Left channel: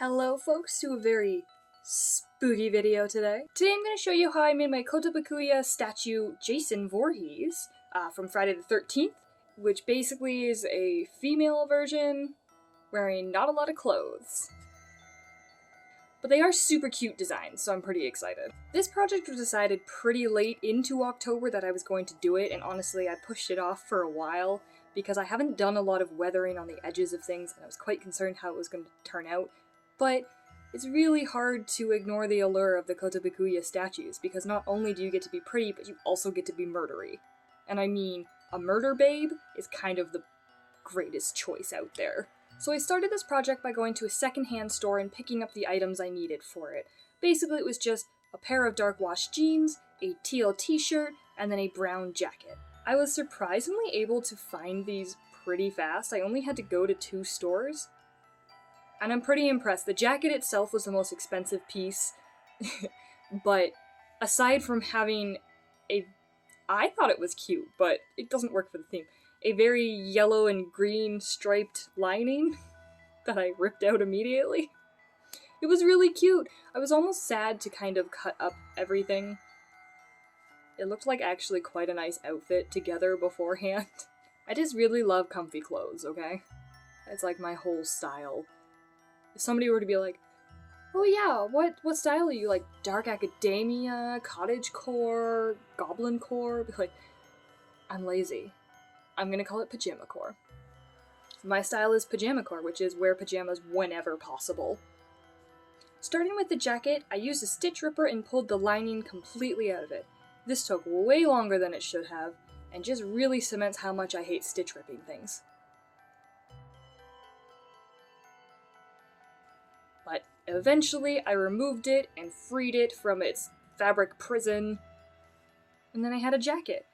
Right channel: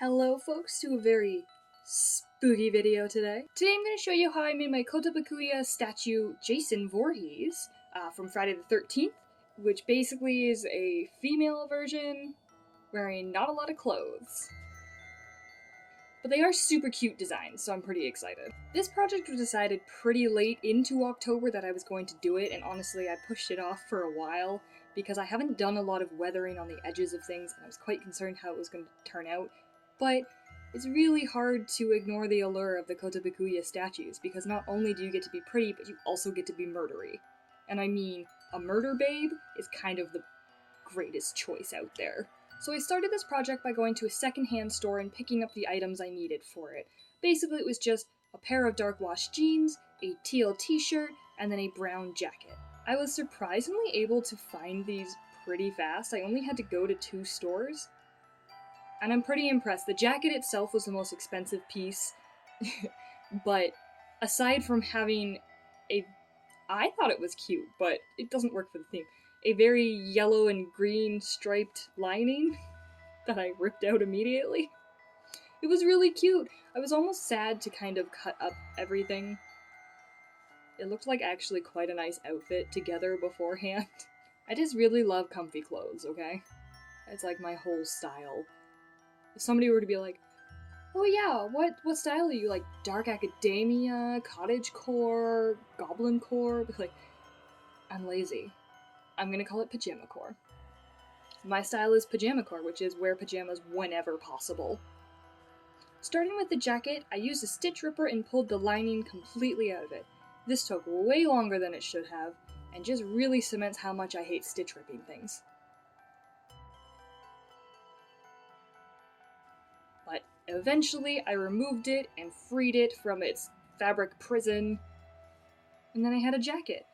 Hello folks to a very spooky video today. Today I'm going to show you how I made my Kotobukiya statue Jason Voorhees from Friday the 13th, which basically is a female version wearing not a lot of clothes. But they are super cute designs, so I'm pretty excited. This project was decided pretty late into October that I was going to do it, and honestly I pushed it off for a while because I haven't done a lot of weathering on the edges of things and I was quite concerned how it was going to turn out. But it's really hard to ignore the allure of the Kotobukiya statues, because not only do you get to be pretty, but you also get to be murdery. And I mean, a murder babe is kind of the greatest choice out there. So I started this project by going to a secondhand store and picking up the items I needed for it. Basically it was just a pair of dark wash jeans, a teal t-shirt, and then a brown jacket. I was surprisingly able to find these pretty fast. I only had to go to 2 stores. And I'm pretty impressed. The jacket itself was the most expensive piece, but aside from having I thought it was cute, but it doesn't work for the theme, a very yellow and green striped lining that I ripped out immediately. It was really cute. I was almost sad to kind of cut up everything. It looked like actually quite a nice outfit together beforehand. I just really love comfy clothes, okay? It's like my whole style. If somebody were to be like, oh yeah, what style are you? Like dark academia, cottagecore, goblin core? Be like, I'm lazy. I'm gonna call it pajama core. My style is pajama core, which is wear pajamas whenever possible. Starting with the jacket, I used a stitch ripper and pulled the lining completely out of it. This took way longer than it should have, and just really cements how much I hate stitch ripping things. But eventually I removed it and freed it from its fabric prison, and then I had a jacket.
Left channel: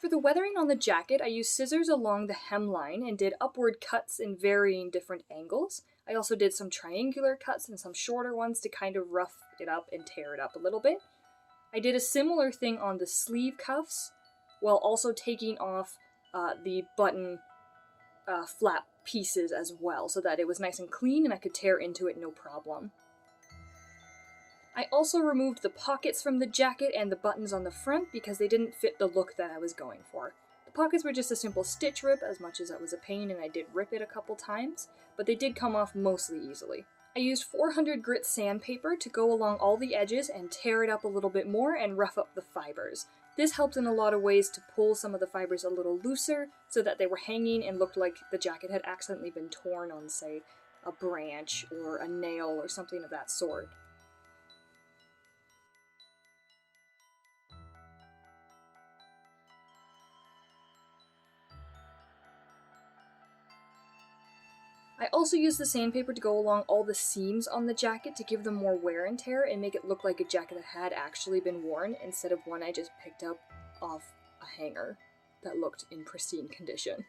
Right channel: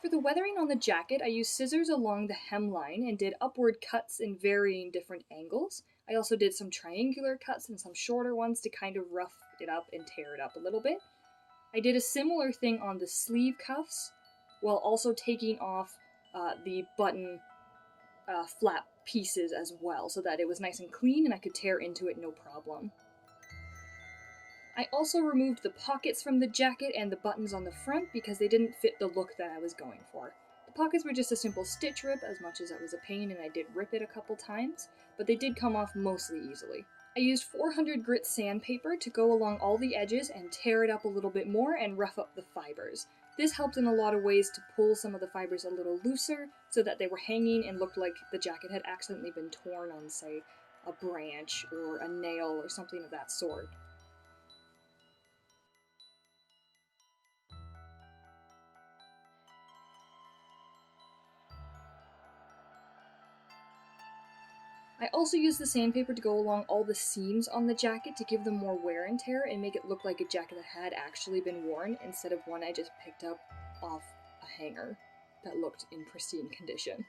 For the weathering on the jacket, I used scissors along the hemline and did upward cuts in varying different angles. I also did some triangular cuts and some shorter ones to kind of rough it up and tear it up a little bit. I did a similar thing on the sleeve cuffs, while also taking off the button flap pieces as well, so that it was nice and clean and I could tear into it no problem. I also removed the pockets from the jacket and the buttons on the front because they didn't fit the look that I was going for. The pockets were just a simple stitch rip, as much as it was a pain and I did rip it a couple times, but they did come off mostly easily. I used 400 grit sandpaper to go along all the edges and tear it up a little bit more and rough up the fibers. This helped in a lot of ways to pull some of the fibers a little looser so that they were hanging and looked like the jacket had accidentally been torn on, say, a branch or a nail or something of that sort. I also used the sandpaper to go along all the seams on the jacket to give them more wear and tear and make it look like a jacket that had actually been worn instead of one I just picked up off a hanger that looked in pristine condition.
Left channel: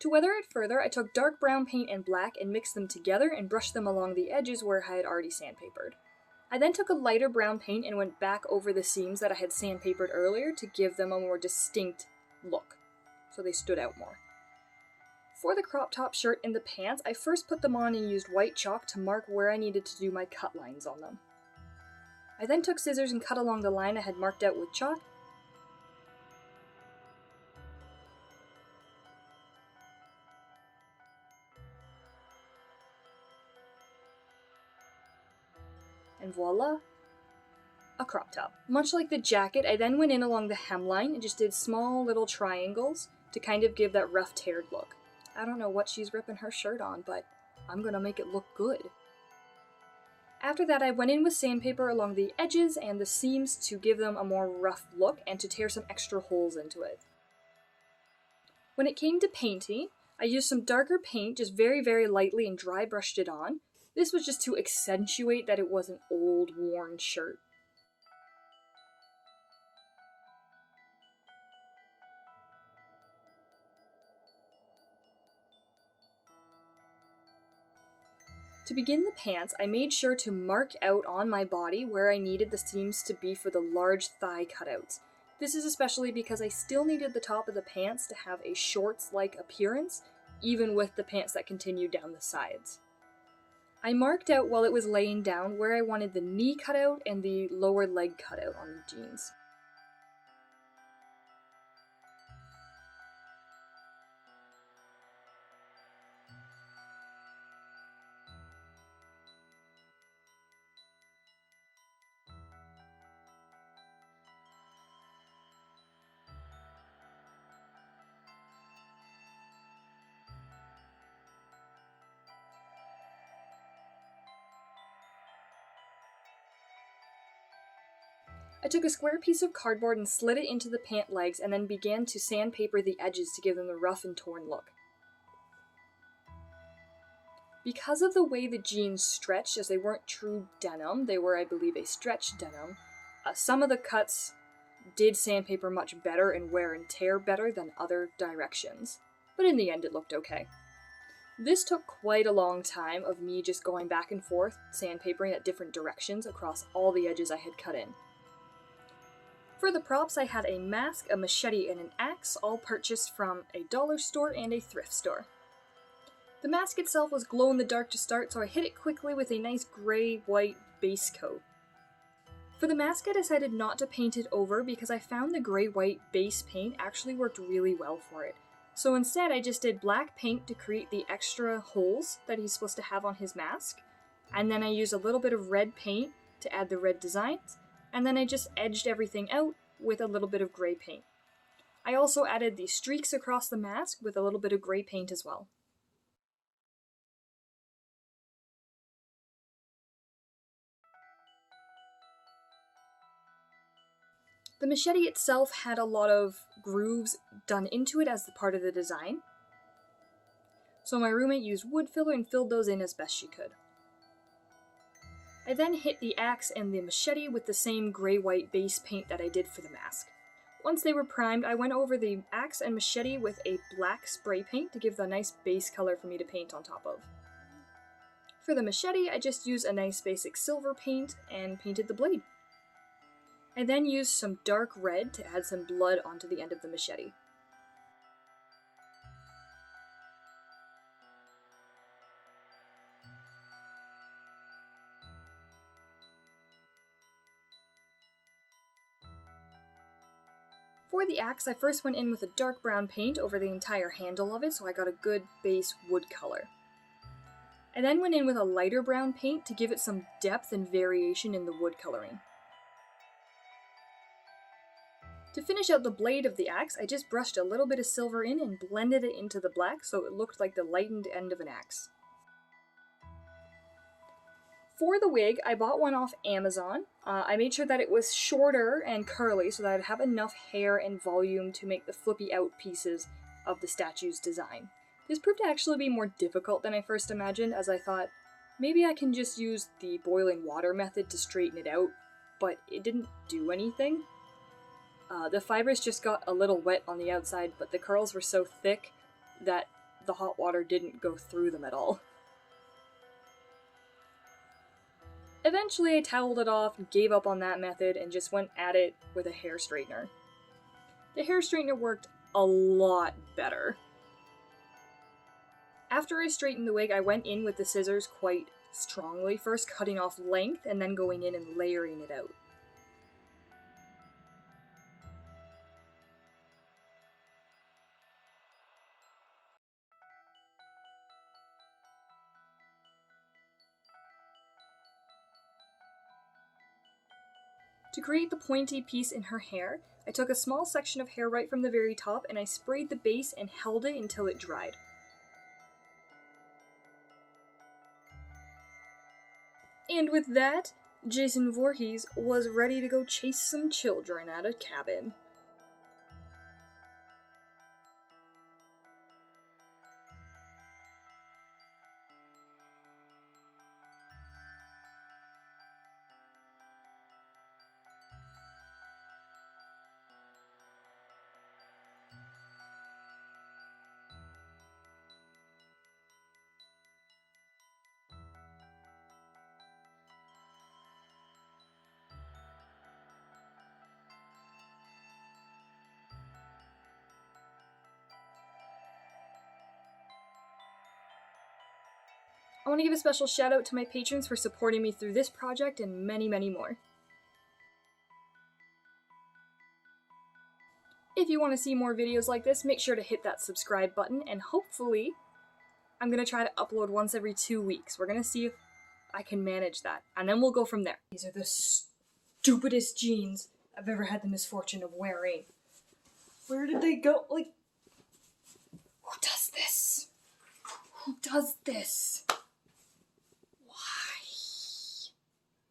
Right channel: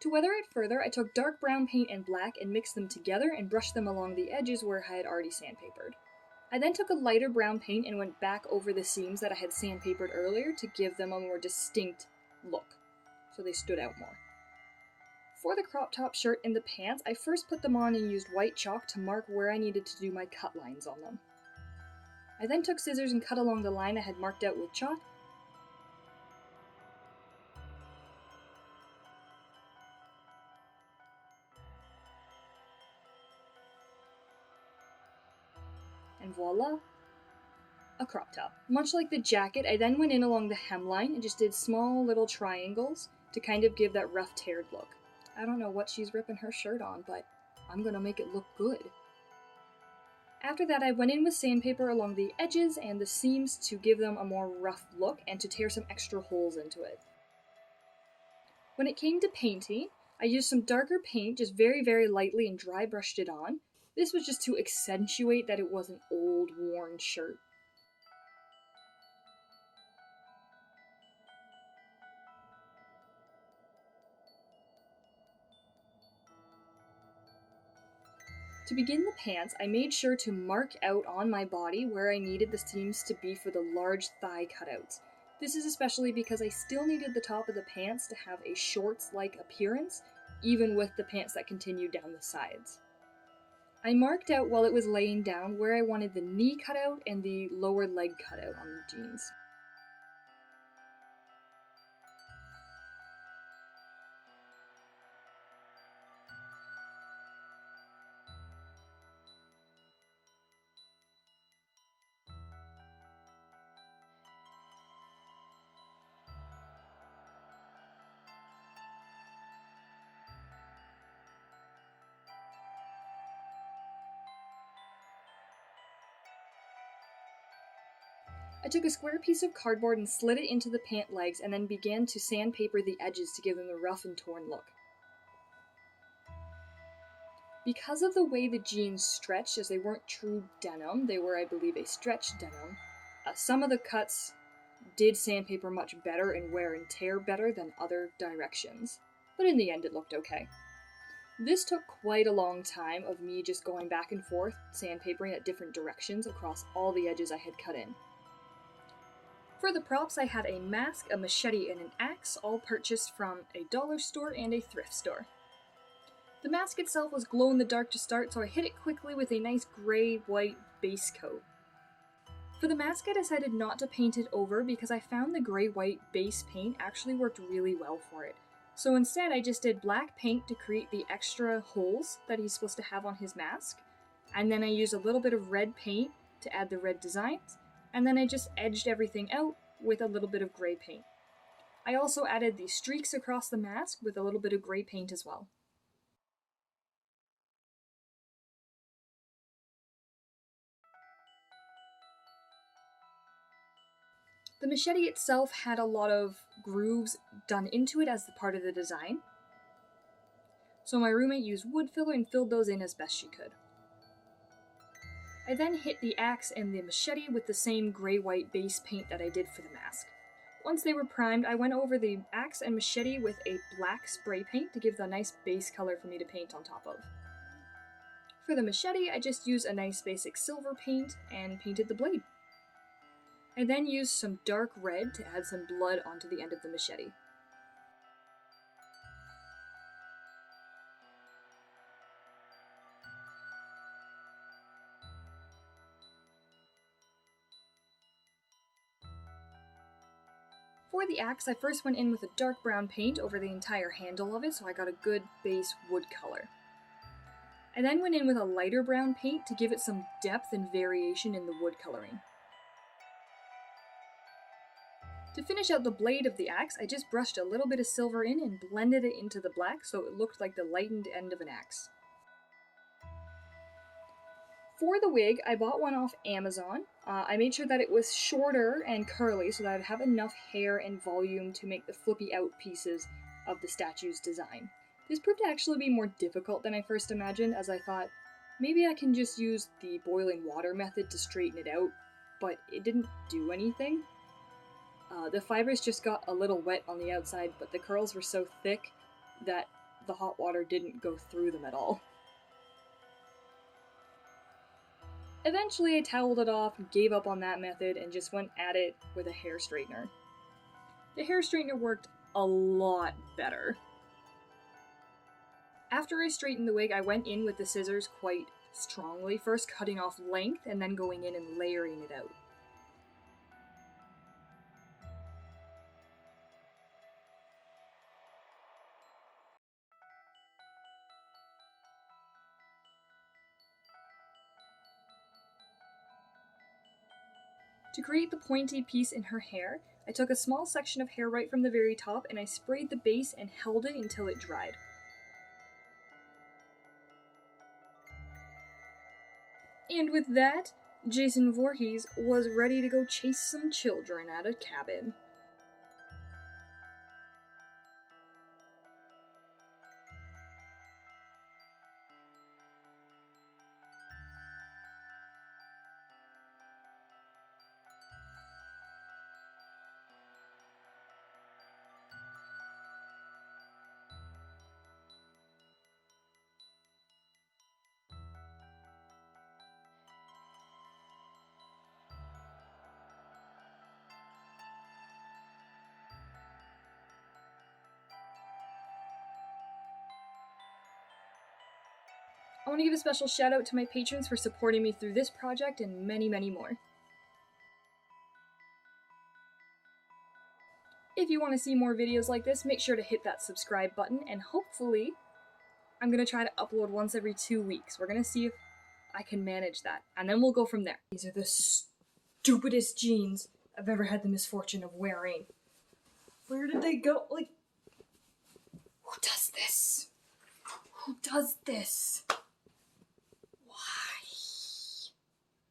To weather it further, I took dark brown paint and black and mixed them together and brushed them along the edges where I had already sandpapered. I then took a lighter brown paint and went back over the seams that I had sandpapered earlier to give them a more distinct look, so they stood out more. For the crop top shirt and the pants, I first put them on and used white chalk to mark where I needed to do my cut lines on them. I then took scissors and cut along the line I had marked out with chalk. And voila, a crop top. Much like the jacket, I then went in along the hemline and just did small little triangles to kind of give that rough teared look. I don't know what she's ripping her shirt on, but I'm gonna make it look good. After that, I went in with sandpaper along the edges and the seams to give them a more rough look and to tear some extra holes into it. When it came to painting, I used some darker paint just very lightly and dry brushed it on. This was just to accentuate that it was an old, worn shirt. To begin the pants, I made sure to mark out on my body where I needed the seams to be for the large thigh cutouts. This is especially because I still needed the top of the pants to have a shorts-like appearance, even with the pants that continued down the sides. I marked out while it was laying down where I wanted the knee cut out and the lower leg cut out on the jeans. I took a square piece of cardboard and slid it into the pant legs and then began to sandpaper the edges to give them the rough and torn look. Because of the way the jeans stretched, as they weren't true denim, they were, I believe, a stretch denim, some of the cuts did sandpaper much better and wear and tear better than other directions, but in the end it looked okay. This took quite a long time of me just going back and forth, sandpapering at different directions across all the edges I had cut in. For the props, I had a mask, a machete, and an axe, all purchased from a dollar store and a thrift store. The mask itself was glow-in-the-dark to start, so I hit it quickly with a nice grey-white base coat. For the mask, I decided not to paint it over because I found the grey-white base paint actually worked really well for it. So instead, I just did black paint to create the extra holes that he's supposed to have on his mask, and then I used a little bit of red paint to add the red designs, and then I just edged everything out with a little bit of grey paint. I also added the streaks across the mask with a little bit of grey paint as well. The machete itself had a lot of grooves done into it as part of the design, so my roommate used wood filler and filled those in as best she could. I then hit the axe and the machete with the same grey-white base paint that I did for the mask. Once they were primed, I went over the axe and machete with a black spray paint to give the nice base color for me to paint on top of. For the machete, I just used a nice basic silver paint and painted the blade. I then used some dark red to add some blood onto the end of the machete. For the axe, I first went in with a dark brown paint over the entire handle of it so I got a good base wood color. I then went in with a lighter brown paint to give it some depth and variation in the wood coloring. To finish out the blade of the axe, I just brushed a little bit of silver in and blended it into the black so it looked like the lightened end of an axe. For the wig, I bought one off Amazon. I made sure that it was shorter and curly so that I'd have enough hair and volume to make the flippy out pieces of the statue's design. This proved to actually be more difficult than I first imagined, as I thought, maybe I can just use the boiling water method to straighten it out, but it didn't do anything. The fibers just got a little wet on the outside, but the curls were so thick that the hot water didn't go through them at all. Eventually I toweled it off, gave up on that method, and just went at it with a hair straightener. The hair straightener worked a lot better. After I straightened the wig, I went in with the scissors quite strongly, first cutting off length and then going in and layering it out. To create the pointy piece in her hair, I took a small section of hair right from the very top and I sprayed the base and held it until it dried. And with that, Jason Voorhees was ready to go chase some children at a cabin. I want to give a special shout out to my patrons for supporting me through this project and many, many more. If you want to see more videos like this, make sure to hit that subscribe button, and hopefully I'm going to try to upload once every 2 weeks. We're going to see if I can manage that, and then we'll go from there. These are the stupidest jeans I've ever had the misfortune of wearing. Where did they go? Like, who does this? Who does this?